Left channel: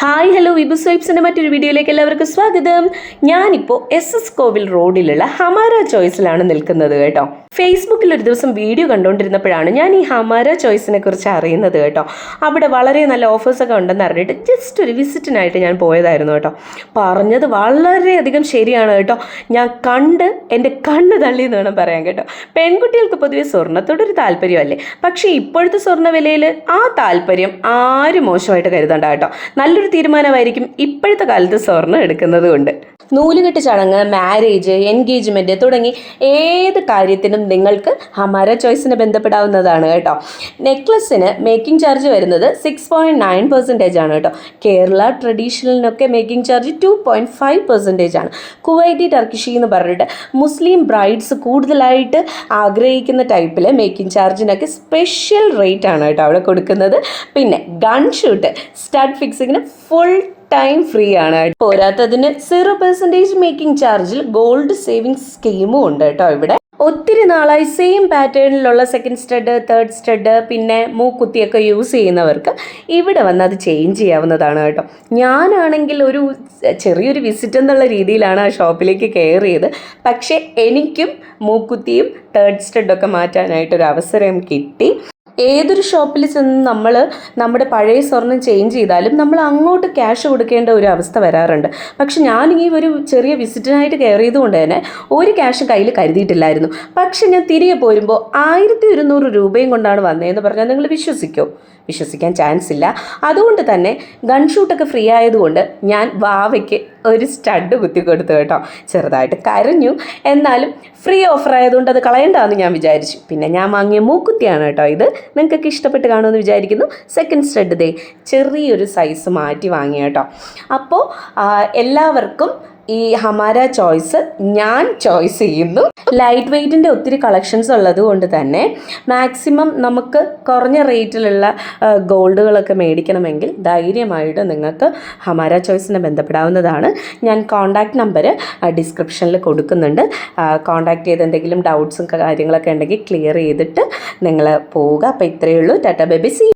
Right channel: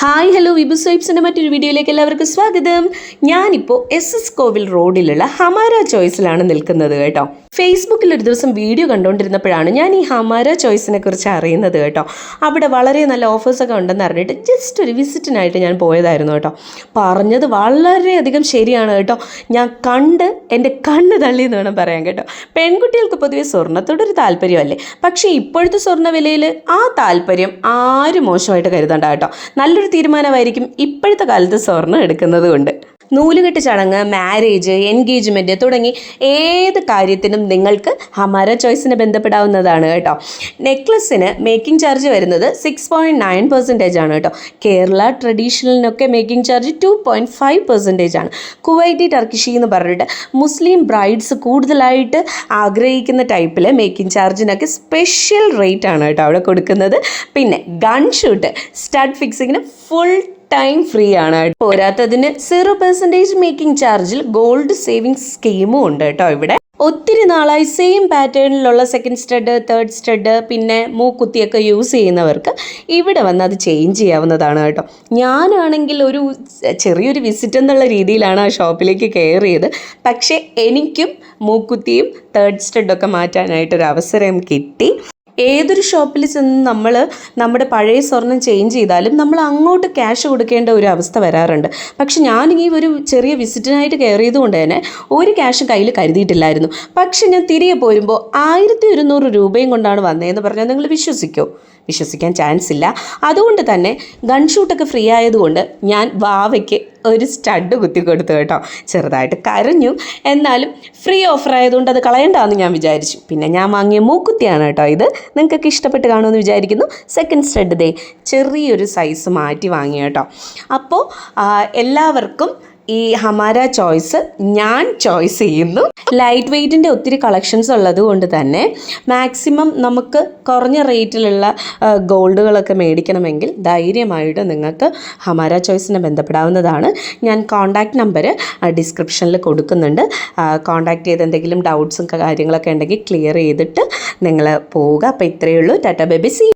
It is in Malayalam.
ഹായ് ഹലോ വിബു സ്വൈപ്സിന്റെ മറ്റൊരു വീഡിയോയിലേക്ക് എല്ലാവർക്കും സ്വാഗതം. ഞാനിപ്പോൾ എസ് എസ് കോവിൽ റോഡിലുള്ള ഹമാര ചോയ്സിലാണ് നിൽക്കുന്നത് കേട്ടോ. ഫേസ്ബുക്കിൽ ഒരു ദിവസം വീഡിയോ കണ്ടുകൊണ്ടിരുന്നപ്പോഴാണ് ഞാൻ ഈ ഹമാര ചോയ്സിനെ കുറിച്ച് അറിയുന്നത് കേട്ടോ. അവിടെ വളരെ നല്ല ഓഫേഴ്സൊക്കെ ഉണ്ടെന്ന് അറിഞ്ഞിട്ട് ജസ്റ്റ് ഒരു വിസിറ്റിനായിട്ട് ഞാൻ പോയതായിരുന്നു കേട്ടോ. പറഞ്ഞത് വളരെയധികം ശരിയാണ് കേട്ടോ. ഞാൻ കണ്ട് എന്റെ കണ്ണ് തള്ളി എന്ന് വേണം പറയാൻ കേട്ടോ. പെൺകുട്ടികൾക്ക് പൊതുവെ സ്വർണത്തോടൊരു താല്പര്യമല്ലേ? പക്ഷേ ഇപ്പോഴത്തെ സ്വർണ വിലയിൽ ആ താല്പര്യം ആരും മോശമായിട്ട് കരുതണ്ട കേട്ടോ. നല്ലൊരു തീരുമാനമായിരിക്കും ഇപ്പോഴത്തെ കാലത്ത് സ്വർണം എടുക്കുന്നത് കൊണ്ട് നൂലുകെട്ട് ചടങ്ങ് മാരേജ് എൻഗേജ്മെന്റ് തുടങ്ങി ഏത് കാര്യത്തിനും നിങ്ങൾക്ക് ഹമാര ചോയ്സിനെ ബന്ധപ്പെടാവുന്നതാണ് കേട്ടോ. നെക്ലസിന് മേക്കിംഗ് ചാർജ് വരുന്നത് സിക്സ് പോയിന്റ് നയൻ പെർസെന്റേജ് ആണ് കേട്ടോ. Kerala ട്രഡീഷണലിനൊക്കെ making charge two point five percentage ആണ്. കുവൈറ്റി ടർക്കിഷി എന്ന് പറഞ്ഞിട്ട് മുസ്ലിം ബ്രൈഡ്സ് കൂടുതലായിട്ട് ആഗ്രഹിക്കുന്ന ടൈപ്പിൽ മേക്കിംഗ് ചാർജിനൊക്കെ സ്പെഷ്യൽ റേറ്റ് ആണ് കേട്ടോ അവിടെ കൊടുക്കുന്നത്. പിന്നെ ഗൺ ഷൂട്ട് സ്റ്റഡ് ഫിക്സിങ്ങിന് ഫുൾ ടൈം ഫ്രീ ആണ്. പോരാത്തതിന് സീറോ പെർസെന്റേജ് മേക്കിംഗ് ചാർജിൽ ഗോൾഡ് സേവിംഗ്സ് സ്കീമും ഉണ്ട് കേട്ടോ ഇവിടെ. ഒത്തിരി നാളായി സെയിം പാറ്റേണിലുള്ള സെക്കൻഡ് സ്റ്റഡ് തേർഡ് സ്റ്റഡ് പിന്നെ മൂക്കുത്തിയൊക്കെ യൂസ് ചെയ്യുന്നവർക്ക് ഇവിടെ വന്ന് അത് ചേഞ്ച് ചെയ്യാവുന്നതാണ് കേട്ടോ. ഞാനാണെങ്കിൽ ഒരു ചെറിയൊരു വിസിറ്റ് എന്നുള്ള രീതിയിലാണ് ആ ഷോപ്പിലേക്ക് കയറിയത്. പക്ഷേ എനിക്കും മൂക്കുത്തിയും തേർഡ് സ്റ്റഡൊക്കെ മാറ്റാനായിട്ടൊരു അവസരം കിട്ടി. ഏതൊരു ഷോപ്പിൽ ചെന്ന് നമ്മൾ നമ്മുടെ പഴയ സ്വർണം ചേഞ്ച് ചെയ്താലും നമ്മൾ അങ്ങോട്ട് ക്യാഷ് കൊടുക്കേണ്ട ഒരു അവസ്ഥ വരാറുണ്ട്. പക്ഷെ ഞാൻ ഈ ഒരു ചെറിയ വിസിറ്റിനായിട്ട് കയറിയത് കൊണ്ട് തന്നെ ഒരു ക്യാഷും കയ്യിൽ കരുതിയിട്ടില്ലായിരുന്നു. പക്ഷെ ഞാൻ തിരികെ പോരുമ്പോൾ ആയിരത്തി ഒരുന്നൂറ് രൂപയും കൊണ്ടാണ് വന്നതെന്ന് പറഞ്ഞാൽ നിങ്ങൾ വിശ്വസിക്കും. വിശ്വസിക്കാൻ ചാൻസ് ഇല്ല. അതുകൊണ്ട് തന്നെ ഗൺ ഷൂട്ടൊക്കെ ഫ്രീ ആയതുകൊണ്ട് ഞാൻ വാവയ്ക്ക് ഒരു സ്റ്റഡ് കുത്തി കൊടുത്തു കേട്ടോ. ചെറുതായിട്ട് കരഞ്ഞു. എന്നാലും ഫ്രീ ഓഫർ ആയതുകൊണ്ട് അത് കളയണ്ടെന്ന് ഞാൻ വിചാരിച്ചു. പിന്നെ ഞാൻ വാങ്ങിയ മൂക്കുത്തിയാണ് കേട്ടോ ഇത്. നിങ്ങൾക്കൊക്കെ ഇഷ്ടപ്പെട്ട് കാണുമെന്ന് വിചാരിക്കുന്നു. സെക്കൻഡ് സ്റ്റഡ് ദേ ചെറിയൊരു സൈസ് മാറ്റി വാങ്ങി കേട്ടോ. അപ്പോൾ എല്ലാവർക്കും ഈ ഹമാര ചോയ്സ് ഞാൻ ചോയ്സ് ചെയ്യുന്നു. ലൈറ്റ് വെയ്റ്റിന്റെ ഒത്തിരി കളക്ഷൻസ് ഉള്ളത് കൊണ്ട് തന്നെ മാക്സിമം നമുക്ക് കുറഞ്ഞ റേറ്റിലുള്ള ഗോൾഡുകളൊക്കെ മേടിക്കണമെങ്കിൽ ധൈര്യമായിട്ട് നിങ്ങൾക്ക് ഹമാര ചോയ്സിനെ ബന്ധപ്പെടാവുന്നതാണ്. ഞാൻ കോൺടാക്റ്റ് നമ്പർ ഡിസ്ക്രിപ്ഷനിൽ കൊടുക്കുന്നുണ്ട്. കോൺടാക്റ്റ് ചെയ്ത് എന്തെങ്കിലും ഡൗട്ട്സും കാര്യങ്ങളൊക്കെ ഉണ്ടെങ്കിൽ ക്ലിയർ ചെയ്തിട്ട് നിങ്ങൾ പോവുക. അപ്പോൾ ഇത്രയേ ഉള്ളൂ. Tata baby C